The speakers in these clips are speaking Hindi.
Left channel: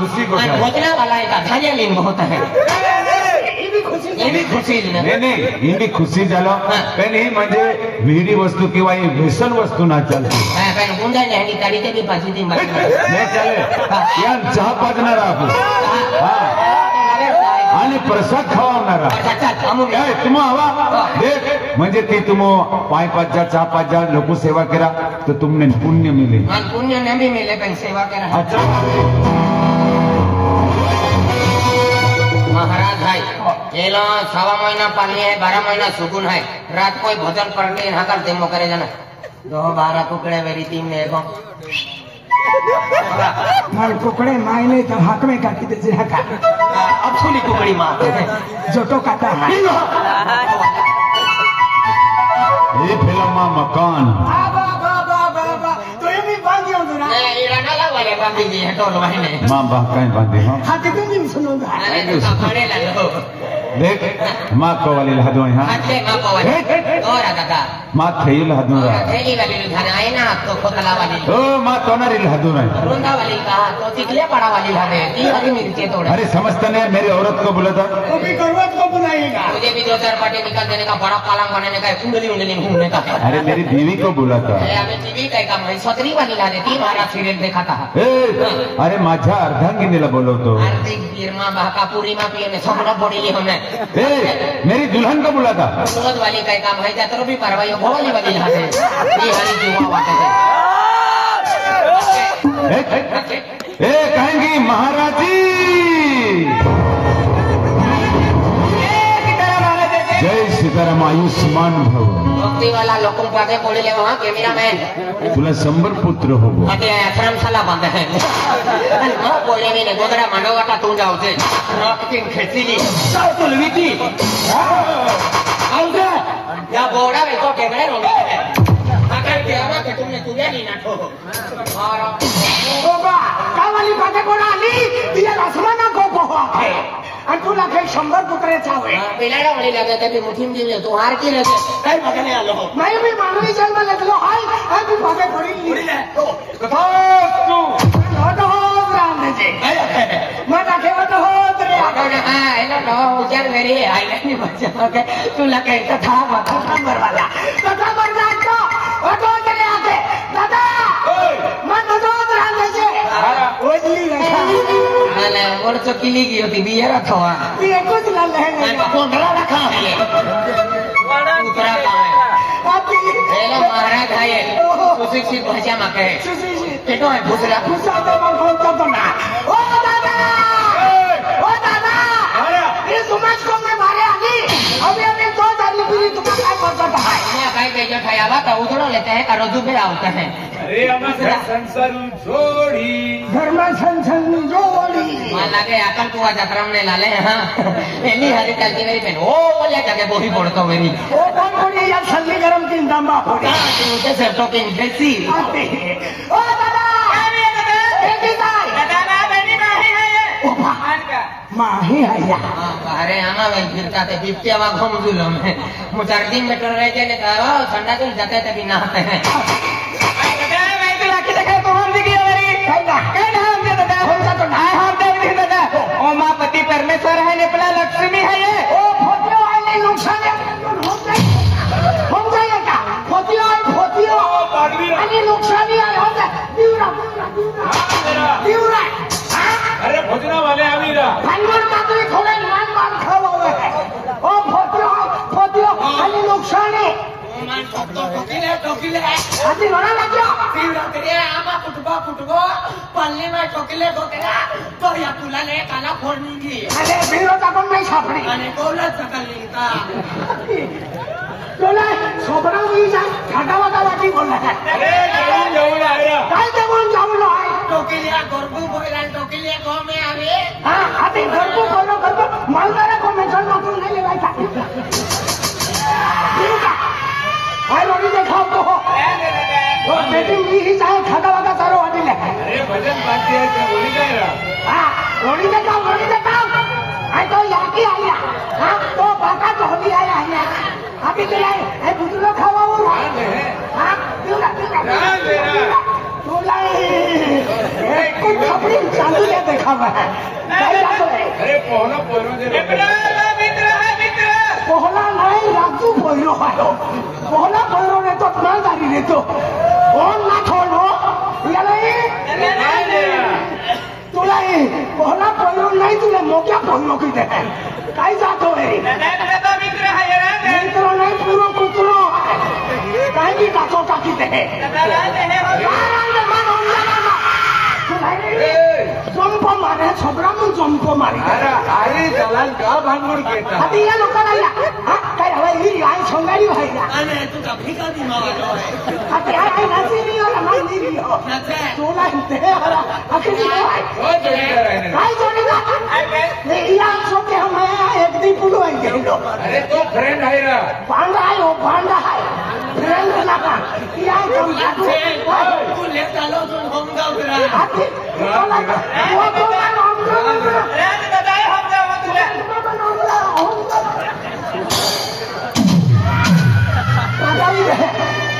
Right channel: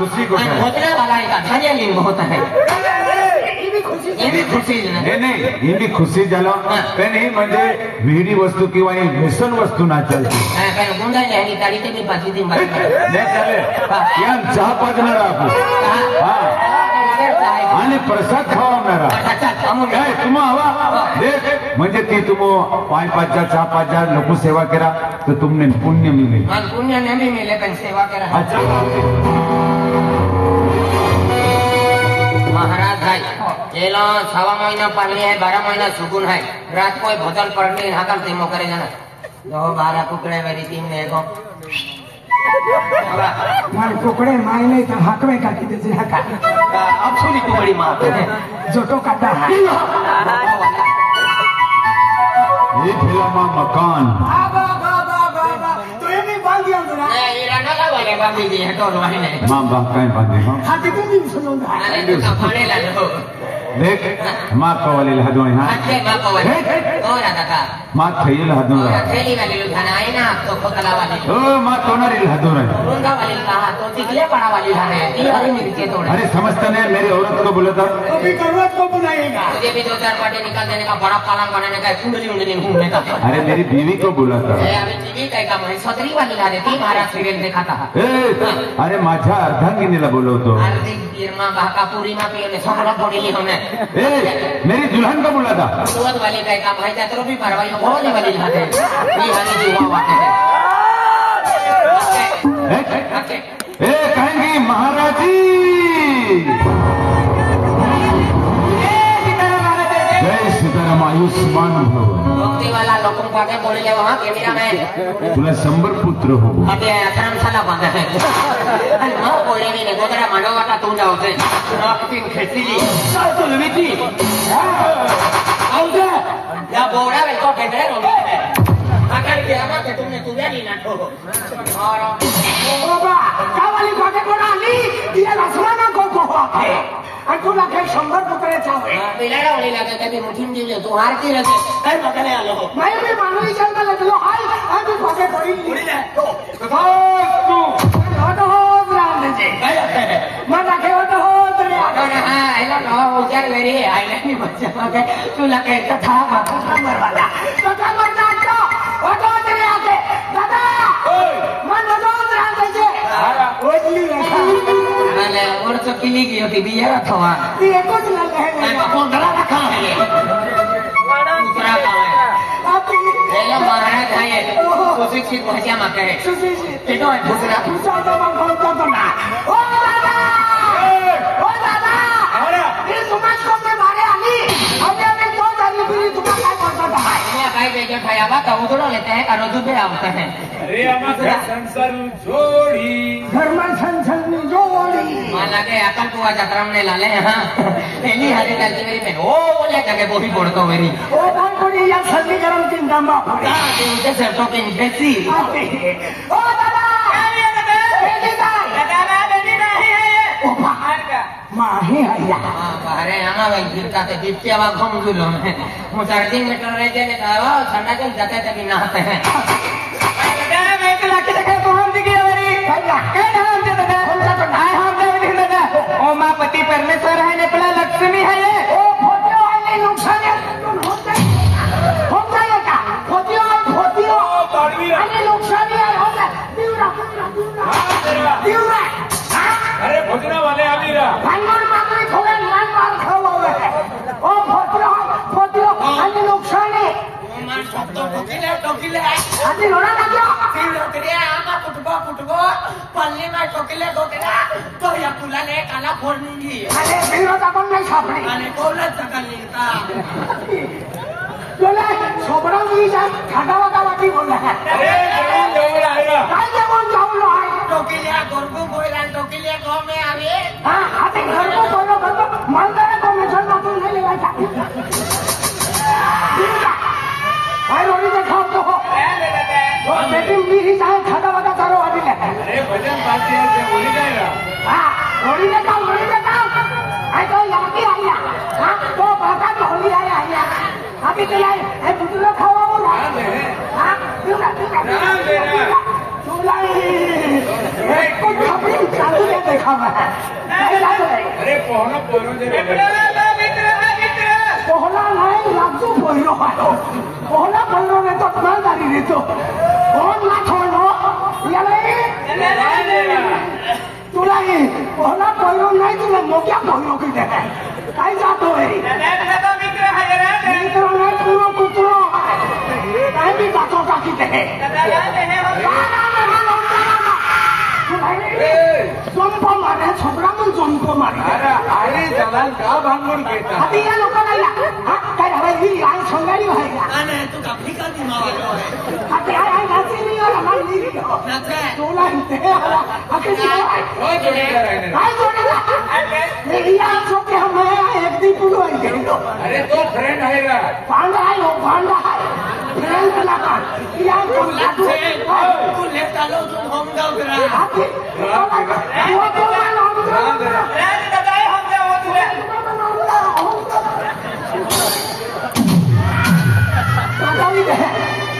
खुशी को भोजना वाला है धान्या लीन होता है ये भी खुशी नहीं इनकी खुशी झाला पण ही म्हणजे विहिरी वस्तू किंवा भेसळ वस्तू ना चालते गुंडा जाएगी तारीख भी पाची दिन नाही चाले या चहा पाजणार आपण आणि प्रसाद खावणार काय तुम्हा हवा देख म्हणजे ती तुम पाय पाजा चहा पाजा लोक सेवा करा तो तुमने पुण्य मिले पुण्य नहीं मिले पण सेवा करा महाराज है ये लो 6 महीना पाली है 12 महीना सुकून है रात को भजन पढ़ने हाकल तेमो करे ना 12 टुकड़े मेरी टीम में को टुकड़े मायने तो हक में काटी दे अब सुनी टुकड़ी मार जो तो काटा है ये फिल्म मकान तो ये भी बांध दिया ये राणा वाले बांधी दी है तो महीने मां बाप कहीं बांधे हो हाँ कितने दिन सुनो अरे तो खाने लगे देख मां कवाली लहदो है अच्छे मां कवाली और आता मां थई लहदो थैली वाली लुधाना है ना तो कोतला वाली ओ मां तोनारी लहदो है रोंदा वाली कहा तो चिकले पड़ा वाली है ये हरी मिर्ची तोड़ा अरे समझते नहीं मेरी औरत को बोला था अभी करवट को बनाएगा मुझे भी 2-4 पार्टी निकाल देने का बड़ा पालन बनाने का कुंडली घूमने का अरे मेरी बीवी को बोला था अरे टीवी का काम है सतरी वाली ला देती महाराज सीरियल देखा था अरे माझ्या अर्धांगिनीला बोलवतो आर्थिक गिरमा बाकापुरी में पिए सगळं बोडीली होने मेरी दुल्हन को बोला था सोच वाली का काम है तो भी परवाई बोलने वाली है ये हरी जीवा बात है कहेंगी महाराज जी जय सीताराम आयुष्मान भव नौकरी वाला लोगों का आगे बोले ले वहाँ कैमरा मैन तुला 100 पुत्र हो अरे अठारह साल बंद है आणि मग बोले मी गोदरा मनोवाटा तू जाऊते रॉकेट खेचली तो लुईती आउट या गोरा में तो कैमरे रोनी है अगर क्या हुआ कि तुमने तुझे नहीं ना ठोको और बाबा काय वाली बातें कोण आली तिला आसमानात गोको आणि तुला काही 100 पुत्र चावे पेलाडा होने लगा था कि मुठीम दिले तो हार की लगे काय बघणे आलो मैं भी मानवी जन्म लगलो हाय आणि भागे पडी तो तू होत हो रामजी मला ठेवत हो रे हां एला तो विचार मेरी आईने मी बच्चा तुला काय कथा मला कथा म्हणता ओ तो तरी आते दादा मन तो रामजी ओजली मैंने और तो किली की होती बिया रखवा ती एकच लागले मैं को बड़ा रखा है ये दूसरा काम है पहला महाराज है ये तो शिक्षित भाषा में कहे पेटो है दूसरा ओ दादा ये तुम्हें को मैं मारे आनी हमने अपने दो जानी पूरी तुम्हें काय करता ये काय काय खायावा का उधर लेते हैं और दूध आता है अरे हमारा संसार जोड़ी घर में संसन जोड़ी मान लगे अपन को आज अक्रम ने लाले हां पहली हरी चलती मेरी पे ओ बोले का के बोही पड़तो मेरी ओ कौन या सर्दी गरम की दामा का ते सर तो के बेसी ओ दादा बेटी भाई दादा बेटी नहीं है ये मान का माही है अरे आना भाई गिरता तो बिप्तिया वा घूम जुलो में मुझे दिन में टल रह जाने का वो ठंडा तो जाते तक नहाते हैं दादा मैं तो लाके देखा तो हम दिखे मेरी कहीं हम दे दादा हम तो हां हां दे दिखे दादा ओ मां पति परमेश्वर है ने अपना लक्ष्मी है ये ओ फोटो वाले नुकसान है हम जाएगा फोटो बड़वी वाली नुकसान है हम दिवरा अरे भोजना वाले अमीरा भंगार का कोई थोड़ा मार खाओ ओ फोटो वाली नुकसान है ओ मान तो टोकिले अभी होना ना तीव्र तेरे आमा कुटबो पल्ली में टोकिले गोटेरा तो या पुला ले काला फोड़नीगी अरे बिलो का तुम नहीं सापड़ी अने कोला सकली का बोला छोकरा हुई जा घाटावा का लगी बोला अरे जरूर आएगा काय ते बोल जाऊ लो टोकिलिया गोरबू बोला टोकिलिया गांव में आवे हां आते घर को बोलो मालूम है को मिशन ना तुम नहीं लेवा भाई रोटी देखो तो वो बेटी की ही चाल घाटावा का चारो अभी ले अरे भजन पार्टी है से बोली जाए ना हां रोटी देखो आई तो लाकी आया हां तो बाबा को होली आया अभी तो ये बुजुर्ग खावा वो हां राम बेरा सुनाई एक चालू देखा अरे पोहला पोहरो दे पोहला नाही राजू पोहलो पोहला पोहलो नाही तो प्रधानी देतो कोण ना छोडो तुला पोहला पोहलो नाही तुला मोठ्या पोहलो किती काय जातो रे मित्र नाही पुरो कुत्रो काय बी टाको टाकी ते जंप मारे छोकरा पण जंप मारी अरे दलाल का भांडून घेता या लोकांना काय हवा ही लहान सोंगाडी व्हायला तू कभी का दिमाग अरे तो फ्रेंड आहे ना तू लेता लो तुम होम जाओ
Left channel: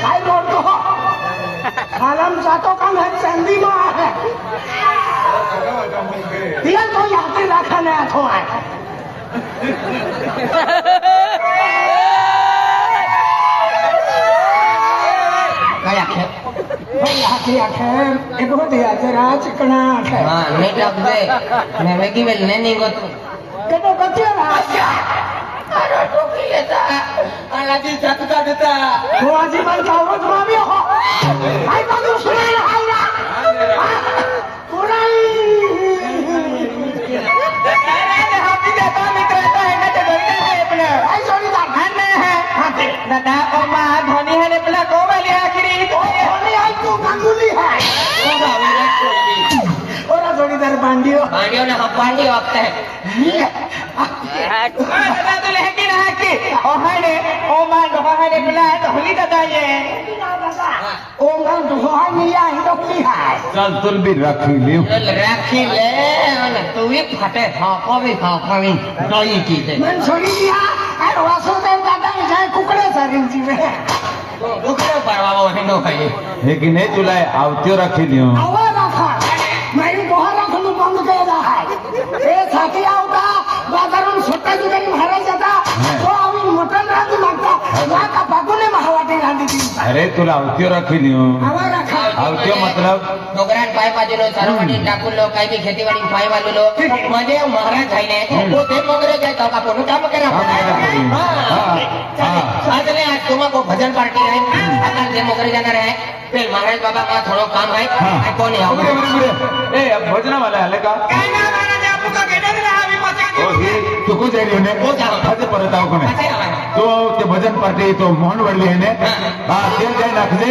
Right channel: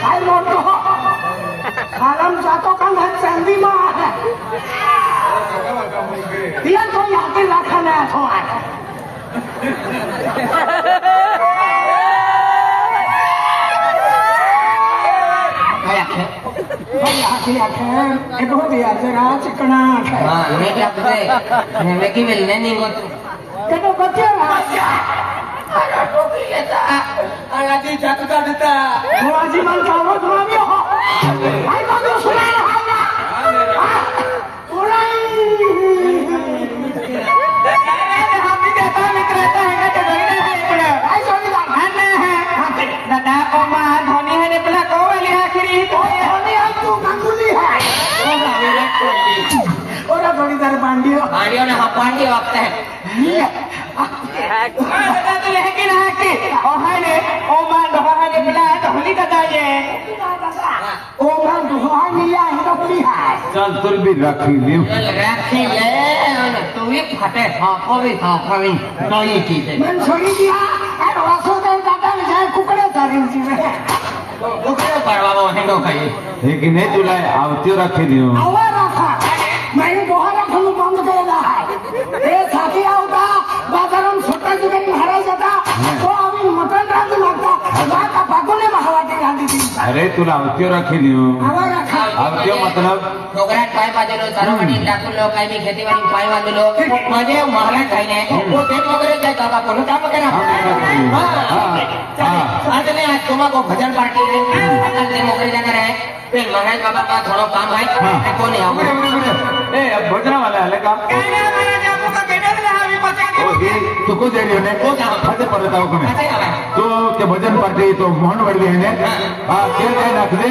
काय मोठो खालाम जातो का ना चांदी आहे दिया तो याकी राखाने आठो आहे इकडो दिया चिकना की मिलने नहीं वो कटो बच्चे आजी सकता देता वो आजी मन जाओ तुम्ही हो आई तो सुना पांडियों ने पांडी वक्त है लेकिन है कि ओमाने ओमान ढोका में मिला है तो भूली का चाहिए ओमान ढोका मिला है तो भूली चल चल भी रखी लियो राखी ले तू भी फटे हाको भी बड़ी चीज है मन छोड़ी दिया अरे वासुदेव दादा ने जाए कुकड़े सारी जी में कुकड़े पड़वालो हिंदू खाई लेकिन नहीं चुलाए आवती रखी लियो आवा रखा मैं बोहरा फुल बंद केला है ए साथी आवता बाजारून सुट्टा दुकानी भरायचा जाता तो आम्ही मटण राखू लागता बाका फाकुले महावाटे घालती ती अरे तुला आवती रखी लियो आवा रखा आवती मतलब डोंगरात पाय बाजूलो सरवणी टाकूलो काही बी खेतीवाडी पाय बाजूलो माझे महाराज खाईने वो ते वगैरे काय करवा पण काय वगैरे आज ने आज तुम्हाको भजन पार्टी है आज दिन वगैरे जाना है फिर महाराज बाबा का थोड़ा काम है कौन है ए भजना वाला है का तू को दे ने को खाते परत आव कोने तो ते भजन पार्टी तो मोहन वडवे ने ते काय दाखले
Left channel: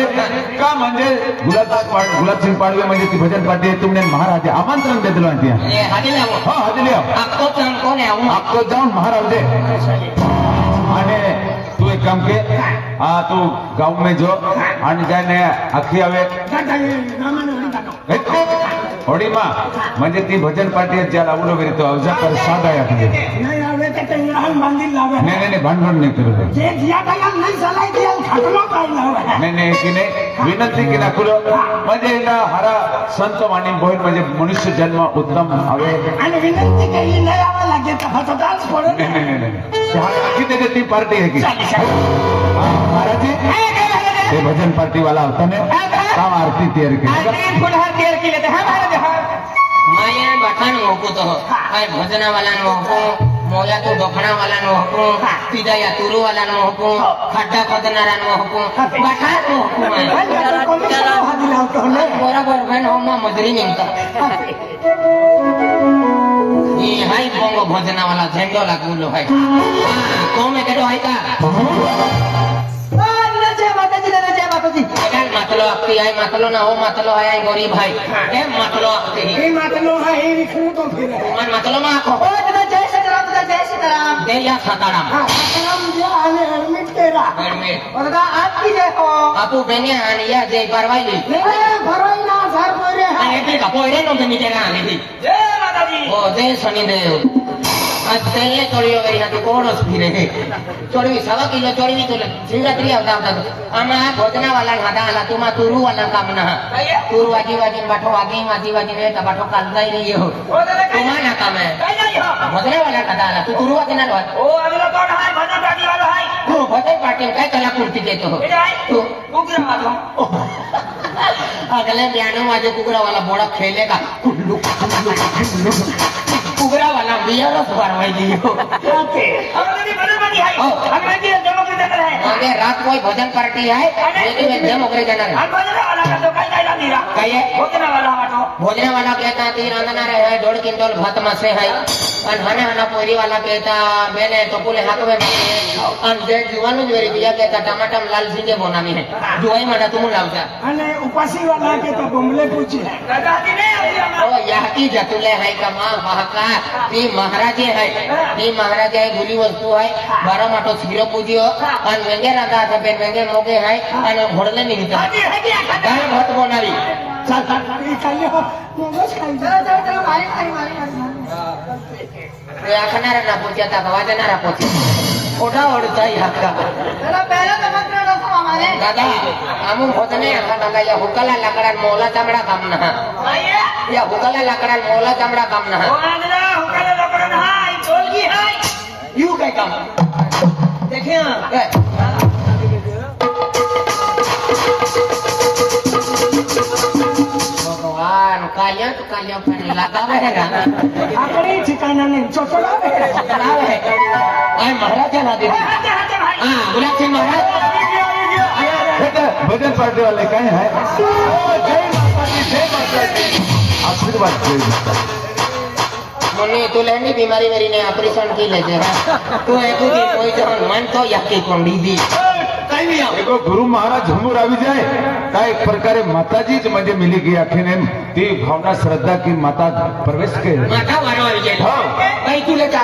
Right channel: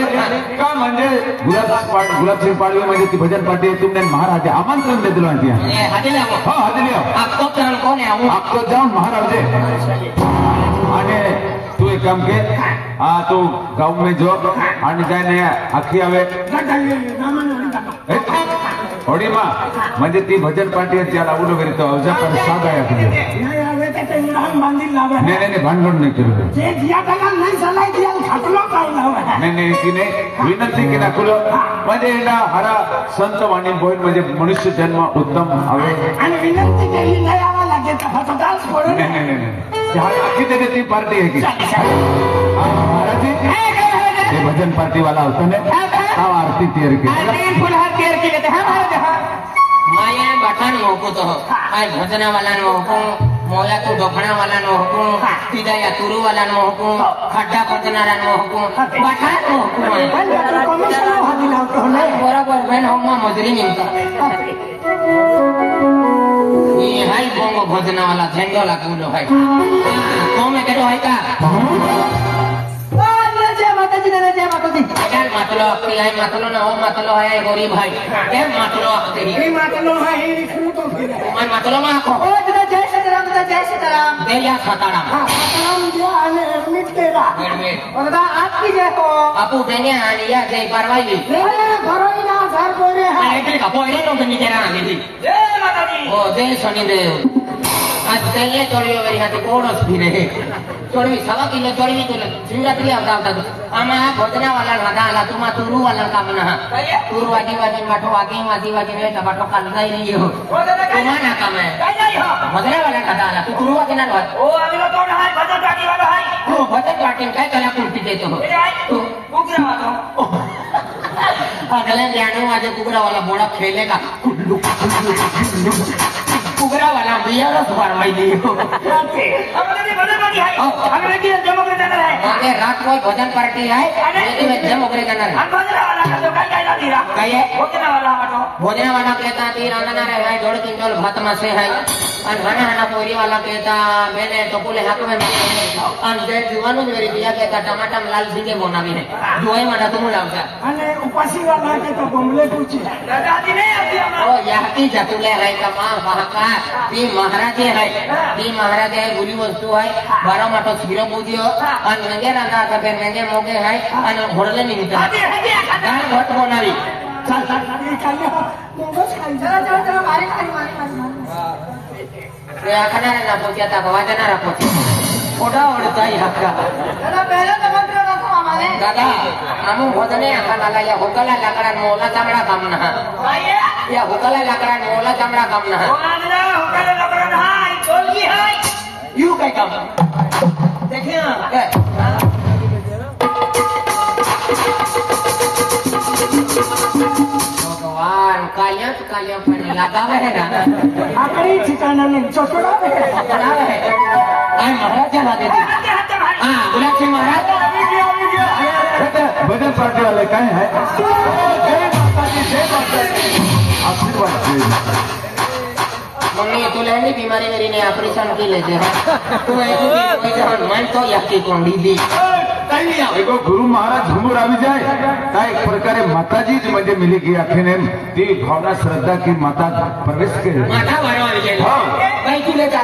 का म्हणजे गुलाबसिंग पाडवे म्हणजे ती भजन पार्टी तुमने महाराज आमंत्रण दे दिला दिया हादिला हां हादिला आप तो कौन है वो तो जाऊन महाराज दे અને તું એક કામ કે તું ગાँव में जो आणि जायने आखी आवे होडीमा म्हणजे ती भजन पार्टी ज्याला आवडलं गेली तो अवजा पर सांगाय आखी नाही आवे तर त्यांना मंदिर लावा नाही भांडण नाही करू जे जिया कला नाही झालाय ते खाटलो पावला नाही की नाही विनंती केला कुलो म्हणजे ना हरा संत वाणी बोल म्हणजे मनुष्य जन्म उत्तम आवड आणि विनंती केली नाही आवा लागते तर डान्स करू नहीं किती ती पार्टी है की ये भजन पार्टी वाला होता ने आरती तैयार की मैं बठान होको तो मैं भजना वाला नो होको मोला तो डोखना वाला नो होको सीधा या तुरु वाला नो होको खड्डा खोदना नो होको बठान होको मैं पूरा बहन हो मां मदरी मिलता ये हाई बोंगो भजना वाला झेंडो लागलो है तो मैं केडो है का मतलो आपकी है मतलो ना वो मतलो है गरीब भाई ये मतलो आपकी हे मातलो हा हे विखरू तो फिर मैं मतलो ना को ओ तुझा जय सीताराम दे या खताना सीताराम जो आने एडमिट तेरा और आपकी जय को आपू देने आनी या जय परवाई नहीं भरोई ना सर बोरे आणि ते कापोळे नो तुम्ही केला आली जय माताजी ओ जय शनिदेव आज तेले चोरी वरी हाथे कोड़ो फिरे चोरी 1.5 किलो चोरी तो सिंगा पिया होता तो आमा भोजना वाला हादा आला तुमा तुरु वाला काम ना तुरु वाजी वाजी बाठो वाजी ने टमाटो कांदा ही नहीं हो तुम्हारा काम है भोजना वाला हादा आला तू तुरु वाजी ना ओ अगला कौन है भजन पार्टी वाला है तू भजन पार्टी काय कला कुर्ती देतो तू कुकरा वाला अगले ज्ञानो वाजे कुकरा वाला बड़ा खेलेगा कुकरा वाला बिया का सुपारवाई दी ओके अगले बड़े बड़ी है अगले की डेमोक्रेट है अरे रात को भजन पार्टी है लेकिन डेमोक्रेट है भजन वाला का तो काय नहीं रहा कहिए भोजना वाला कहता 3 आना रहे 1.5 क्विंटल भात में से है और हना हना पोरी वाला कहता मैंने तो बोले हाथ में और जे जुवानो जो रिया कहता टमाटर लाल सीधे बनावी है जोई मडा तुम लावता અને ઉપાસી વાળા કે તો બમલે પૂછી દાદાજી ને ओ याकी जतुले है का मां हाका ती महाराजे है गुली वस्तु है 12 माटो छीरो पूजियो और वेंगे राधा का बेन वेंगे मोगे है और घोड़ले नहीं था गाय मत बनावी चल એ કાલે મંગસ ખાઈ ચલો મારી रे आखना रे ना पहुंचा था गवाजा ना पहुंचे ओडा ओडता ही हाका એના પહેલા તમે પ્રેરણા કરો અમારે दादा आमु भोजने आखा दादा या भोकला लाकड़ा मोला चामड़ा काम ना આયા या भोकला लाकड़ा मोला चामड़ा काम ना ઓગલા હોકલે લગન હાય બોલगी हाय यू काय काम देखिए भगवान कायक पण लगावे है गाना આકડી ઠિકાણા ને ચોકડા पे बनावे है आई महाराज ना दीदी हां गुलाब सिंह महाराज भजन पार्टी वाले कहे हैं आशीर्वाद मम्मी तू लहनी बीमारी मेरी ने ऑपरेशन की लेते हैं तू है कि कोई तो मन तो यक्की कुंडी दी देखो गुरु महाराज झुमूर આવી જાય काय एक प्रकारे माताजी ज म्हणजे मिली गई आखिने ती भावना श्रद्धा की माता प्रवेश के माथा वारो આવી જાય ભાઈ તું લેતા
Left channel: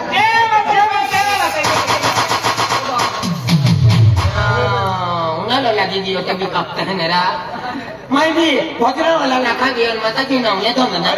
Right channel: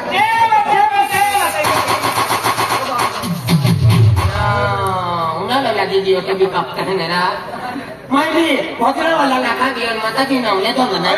उन्हाळा लागी दियो ते भी कापते हैं मेरा मैं भी भोजरा वाला लाखा दिया माता की नाम ले तो मना